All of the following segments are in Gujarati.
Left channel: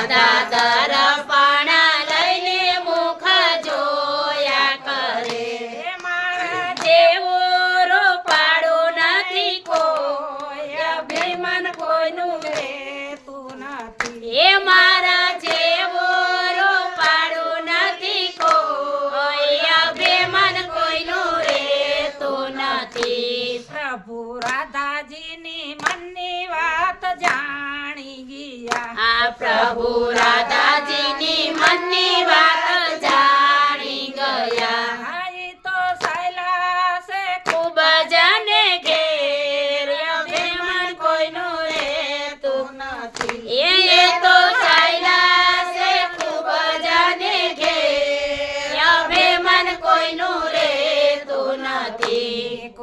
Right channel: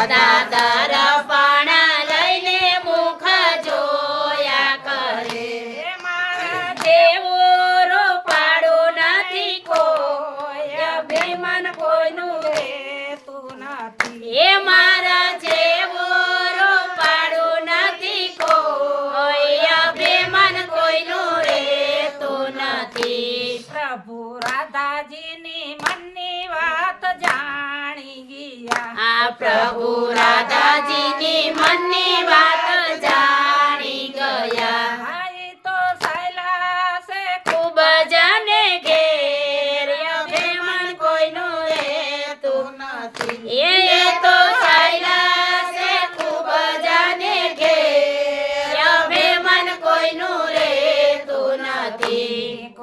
રાધા દર્પણ લઈને મુખ જોયા કરે મારા જેવો રૂપાળું નથી કોઈ અભિમાન કોઈનું રહેતું નથી એ મારા જેવો રૂપાળું નથી કોઈ અભિમાન કોઈનું રહેતું નથી પ્રભુ રાધાજીની મનની વાત જાણી ગયા આ પ્રભુ રાધાજીની મનની વાત જાણી ગયા તો સૈલાસે ખૂબ જને ઘેર અભિમાન કોઈનું રહેતું નથી એ તો સૈલાસે ખૂબ જને ઘેર અભિમાન કોઈનું રહેતું નથી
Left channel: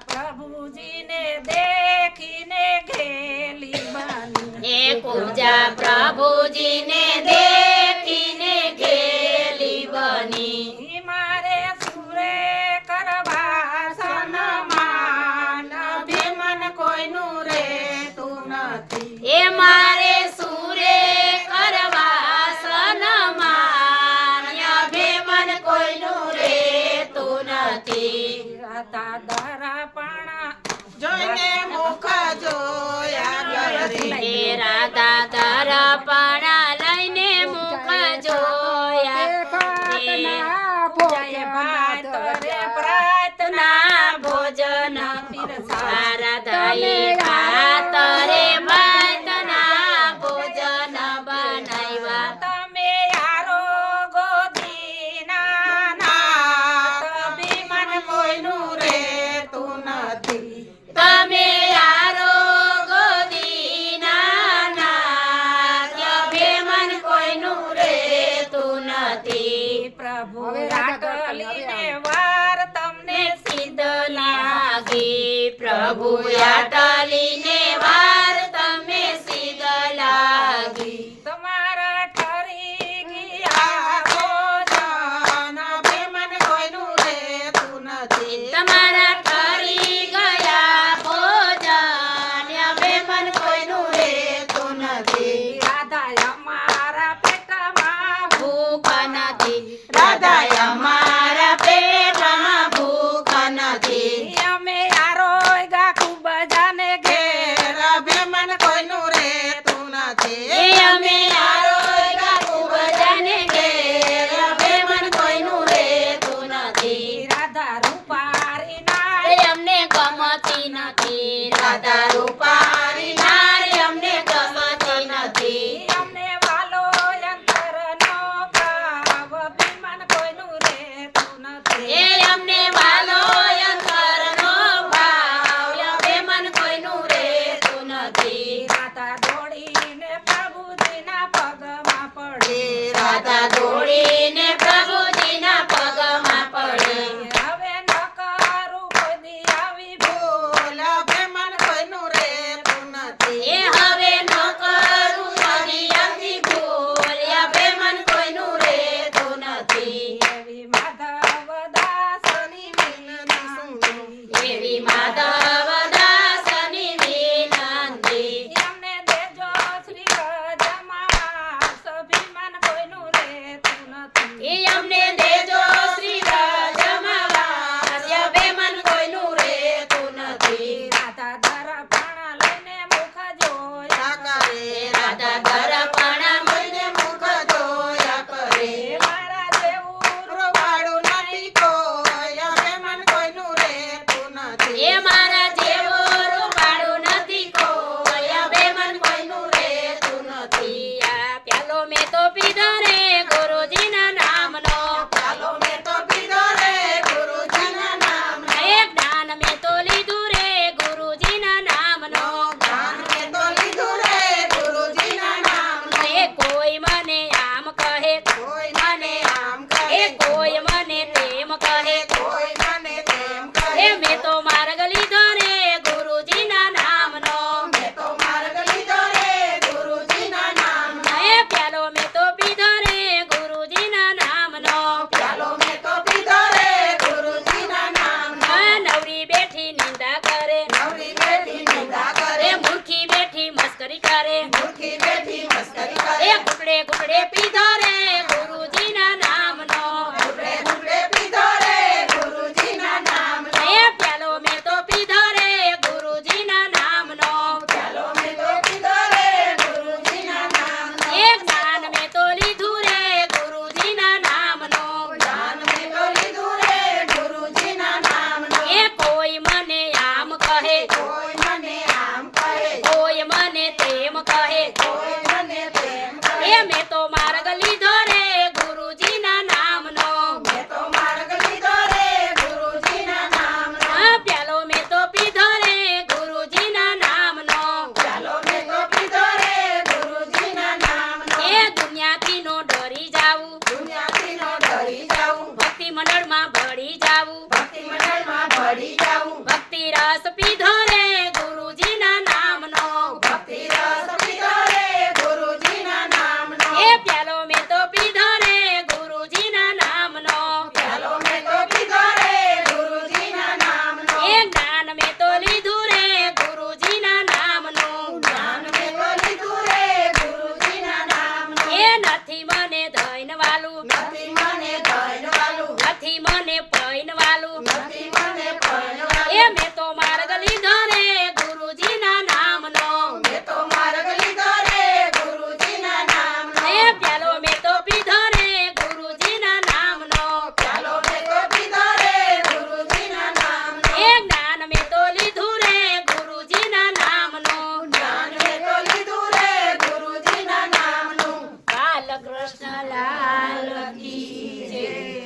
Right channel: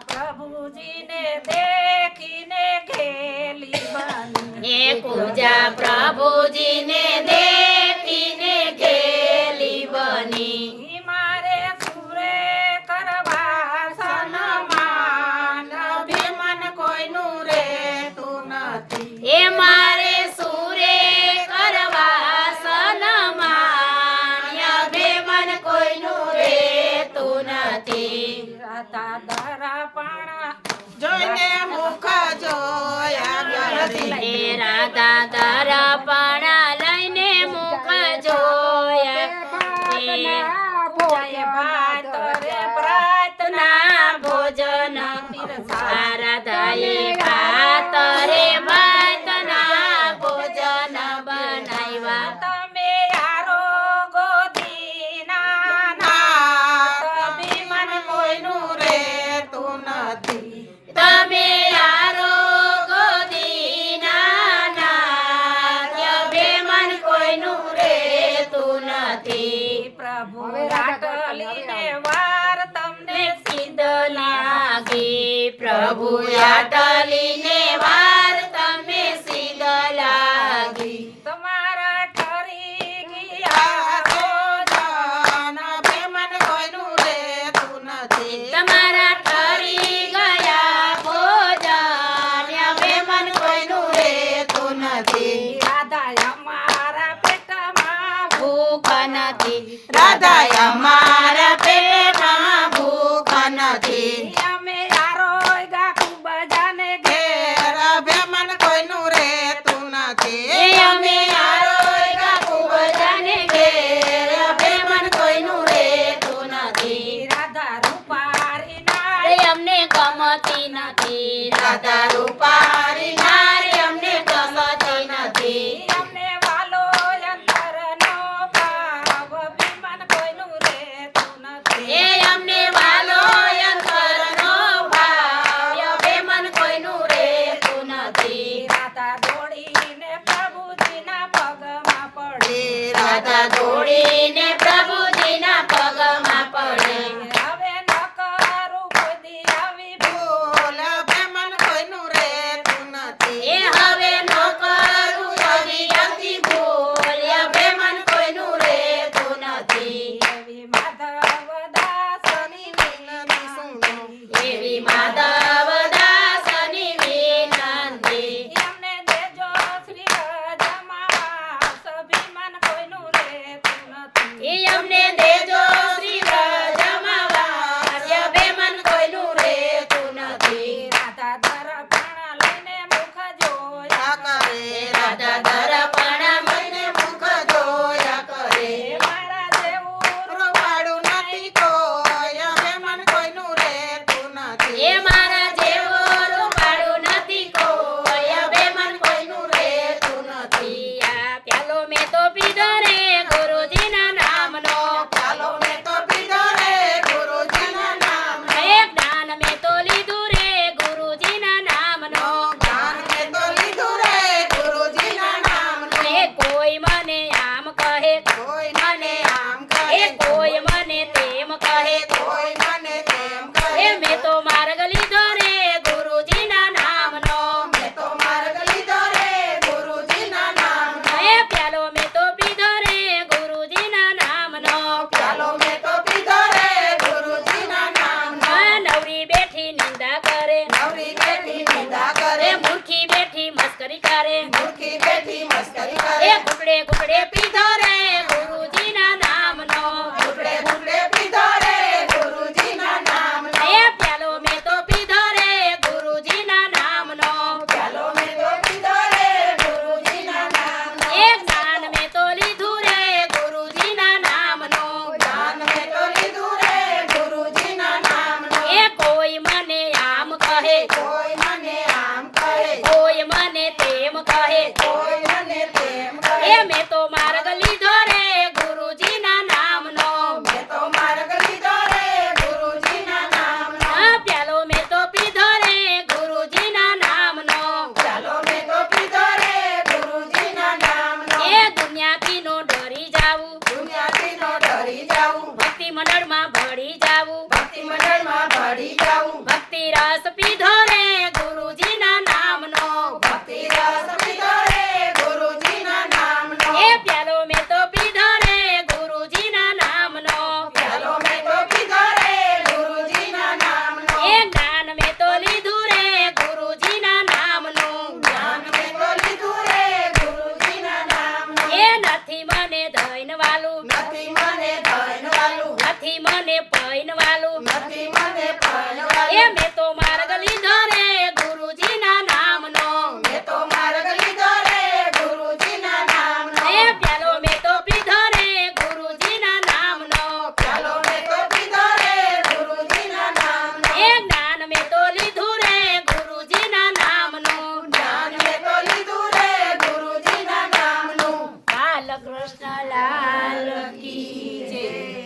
પ્રભુજીને દેખીને ઘેલી બની એ કુજા પ્રભુજીને દેખીને ઘેલી બની મારે સુરે કરવા સન્માન અભિમાન કોઈનું રહેતું નથી એ મારે સુરે કરવા સન્માન અભિમાન કોઈનું રહેતું નથી જોઈને મુખ જોયા કરે રાધા દર્પણ લઈને મુખ જોયા પ્રાર્થના ભોજન રાધાએ ભાત રે ભાતના ભોજન બનાવ્યા તમે આરોગો દીના અભિમાન કોઈનું રહેતું નથી તમે આરોગો દીના અભિમાન કોઈનું રહેતું નથી પ્રભુ આટલીને વાર તમને સિદ્ધ લાગી પ્રભુ આટલીને વાર તમે સિદ્ધ લાગી તમારા ઠરી ગયા ભોજન અભિમાન કોઈનું રહેતું નથી તમારા ઠરી ગયા ભોજન અભિમાન કોઈનું રહેતું નથી રાધા અમારા પેટમાં ભૂખ નથી રાધા અમારા પેટમાં ભૂખ નથી અમે આરોગ્ય ખૂબ જાને ઘેર અભિમાન કોઈનું રહેતું નથી અમે આરોગ્ય ખૂબ જાને ઘેર અભિમાન કોઈનું રહેતું નથી રાધા રૂપારી નારી અમને ગમતી નથી રાધા રૂપારી નારી અમને ગમતી નથી અમને વાલો અંતરનો ભાવ અભિમાન કોઈનું રહેતું નથી એ અમને વાલો અંતરનો ભાવ અભિમાન કોઈનું રહેતું નથી રાધા દોડીને પ્રભુજીના પગમાં પડે રાધા દોડીને પ્રભુજીના પગમાં પડે હવે ન કરું કદી આવી ભૂલ અભિમાન કોઈનું રહેતું નથી એ હવે ન કરું કદી આવી ભૂલ અભિમાન કોઈનું રહેતું નથી એવી માધવ દાસની વિનંતી એવી માધવ દાસની વિનંતી એમને દેજો શ્રી રજમાં અભિમાન કોઈનું રહેતું નથી એ અમને દેજો શ્રી રજમાં અભિમાન કોઈનું રહેતું નથી રાધા દર્પણ લઈને મુખ જોયા કરે રાધા દર્પણ લઈને મુખ જોયા કરે મારા જેવું રૂપાળું નથી કોઈ અભિમાન કોઈનું રહેતું નથી એ મારા જેવો રૂપાળું નથી કોઈ અભિમાન કોઈનું રહેતું નથી આ પ્યાલો મેં તો પીધો રે ગુરુજીના નામનો પ્યાલો મેં તો પીધો રે ગુરુજીના નામનો એક જ્ઞાન મેં તો લીધું રે ગુરુજીના નામનો જ્ઞાન મેં તો લીધું રે ગુરુજીના નામનો એ કોઈ મને આમ કહે કોઈ મને આમ કહે કોઈ મને તેમ કહે કોઈ મને તેમ કહે મેં તો માર્ગ લીધો રે ગુરુજીના નામનો મેં તો માર્ગ લીધો રે ગુરુજીના નામનો એ પ્યાલો મેં તો પીધો રે ગુરુજીના નામનો પ્યાલો મેં તો પીધો રે ગુરુજીના નામનો નવરી બેઠી નિંદા કરે નવરી બેઠી નિંદા કરે મૂર્ખી બેઠી મસ્કરી કરે મૂર્ખી બેઠી મસ્કરી કરે ઘૂંટડે પીધો રે ગુરુજીના નામનો ઘૂંટડે ઘૂંટડે પીધો રે ગુરુજીના નામનો. એ પ્યાલો મેં તો પીધો રે ગુરુજીના નામનો ચાલો મેં તો પીધો રે ગુરુજીના નામનો. એ જ્ઞાન મેં તો લીધું રે ગુરુજીના નામનો જ્ઞાન મેં તો લીધું રે ગુરુજીના નામનો. એ કોઈ મને આમ કહે કોઈ મને આમ કહે, કોઈ મને તેમ કહે કોઈ મને તેમ કહે. એ મેં તો માર્ગ લીધો રે ગુરુજીના નામનો મેં તો માર્ગ લીધો રે ગુરુજીના નામનો. આ પ્યાલો મેં તો પીધો રે ગુરુજીના નામનો ચાલો મેં તો પીધો રે ગુરુજીના નામનો. એ દુનિયાથી નો ડરી જાવું દુનિયાથી ન ડરી જાવું, ભક્તિ મંડળમાં ભળી જાવું ભક્તિ મંડળમાં ભળી જાવું. ભક્તિ રસ પીધો રે ગુરુજીના નામનો ભક્તિ રસ પીધો રે ગુરુજીના નામનો. એ પ્યાલો મેં તો પીધો રે ગુરુજીના નામનો ચાલો મેં તો પીધો રે ગુરુજીના નામનો. એ જ્ઞાન મેં તો લીધું રે ગુરુજીના નામનું જ્ઞાન મેં તો લીધું રે ગુરુજીના નામનો. એ નથી મને ધન વાલું નથી મને ધન વાલું, નથી મને